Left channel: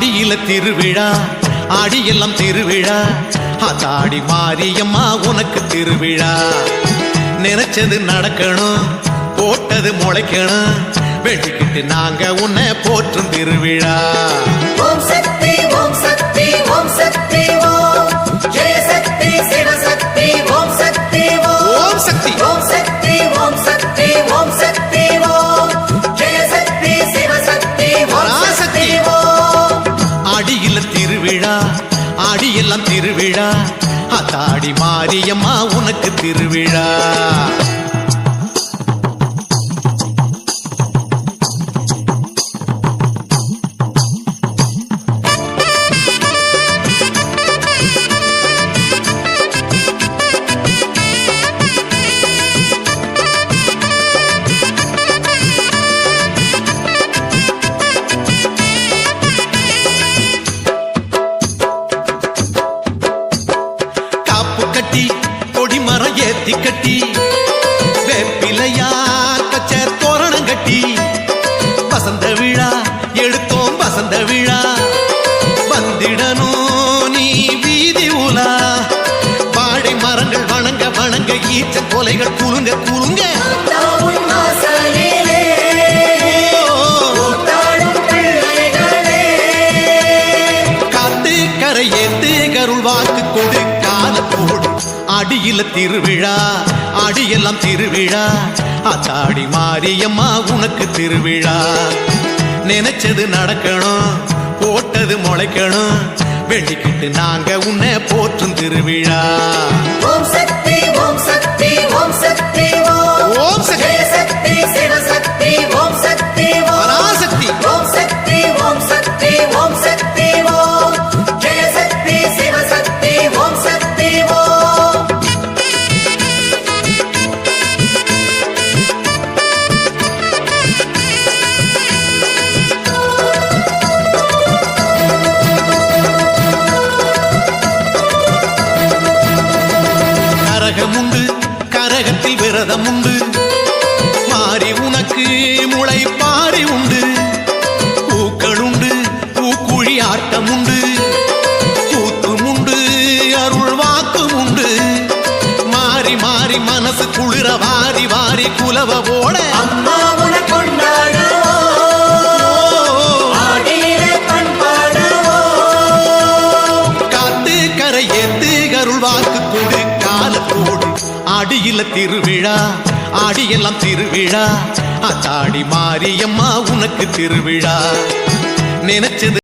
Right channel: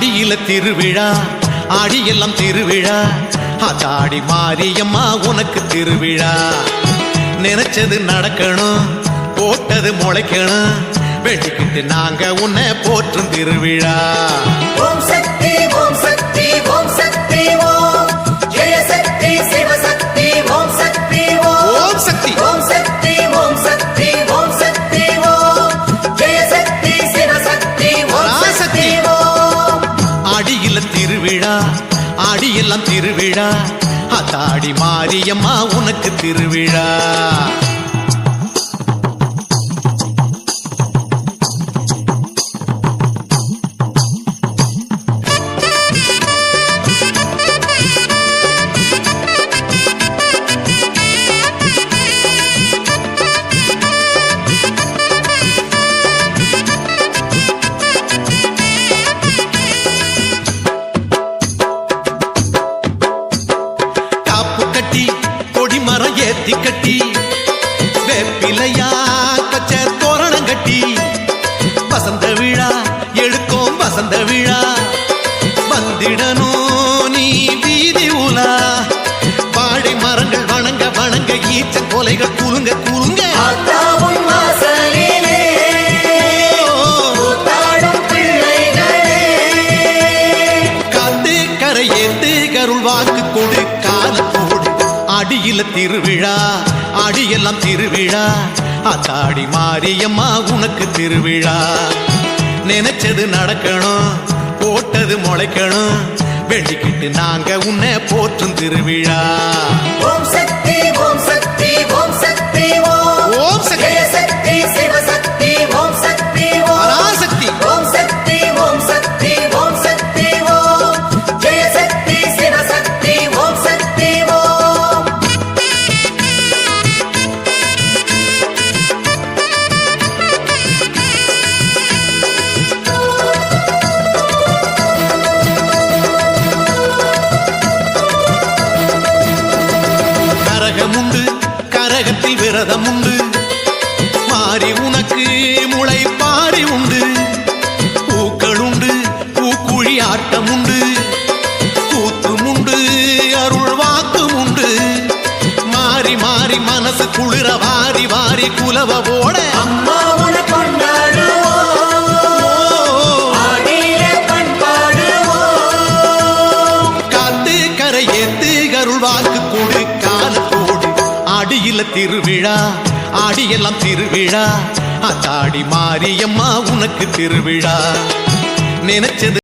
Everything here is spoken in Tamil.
ஆடியில திருவிழா ஆடியெல்லாம் திருவிழா ஆத்தாடி மாரியம்மா உனக்கு திருவிழா நினைச்சது நடக்கணும் போட்டது முளைக்கணும் வெட்டிக்கிட்டு நாங்க உன்னை போற்றும் திருவிழா ஓம் சக்தி ஓம் சக்தி ஓம் சக்தி ஓம் ஜெய சக்தி சிவசக்தி ஓம் சக்தி ஓம் சக்தி ஓம் சக்தி ஓம் சக்தி ஓம் சக்தி ஓம் ஜெய சக்தி சிவசக்தி ஓம் சக்தி ஓம் ஆடியில திருவிழா ஆடியெல்லாம் திருவிழா ஆத்தாடி மாரியம்மா உனக்கு திருவிழா கட்டி கொடிமரம் ஏத்தி கட்டி வேப்பிலையா கச்ச தோரணம் கட்டி வசந்த விழா எடுத்தோம் வசந்த விழா வந்திடணும் நீ வீதி உலா வாழை மரங்கள் வணங்க வணங்க ஈச்சன் கொலைகள் குலுங்க குலுங்க காத்து கரை ஏத்து கருள் வாக்கு கொடு காலத்தோடு ஆடியில திருவிழா ஆடியெல்லாம் திருவிழா ஆத்தாடி மாரியம்மா உனக்கு திருவிழா நினைச்சது நடக்கணும் போட்டது முளைக்கணும் வேண்டிக்கிட்டு நாங்க உன்னை போற்றும் திருவிழா ஓம் சக்தி ஓம் சக்தி ஓம் சக்தி ஓம் ஜெய சக்தி சிவசக்தி ஓம் சக்தி பராசக்தி ஓம் சக்தி ஓம் சக்தி ஓம் சக்தி ஓம் ஜெய சக்தி சிவசக்தி ஓம் சக்தி ஓம் கரகமுண்டு கரகத்தில் விரதம் உண்டு மாறி உனக்கு முளை பாரி உண்டு பூக்கள் உண்டு பூக்குழி ஆட்டம் உண்டு கூத்தும் உண்டு அருள் வாக்கும் உண்டு மாறி மாறி மனசு குளிர வாரி வாரி குலவ போட அம்மாவுன கொண்டாடுவோம் ஆடியில பண்பாடுவோம் காத்து கரை ஏத்து அருள் வாக்கு கொடு காலத்தோடு ஆடியில திருவிழா ஆடியெல்லாம் திருவிழா ஆத்தாடி மாரியம்மா உனக்கு திருவிழா நினைச்சது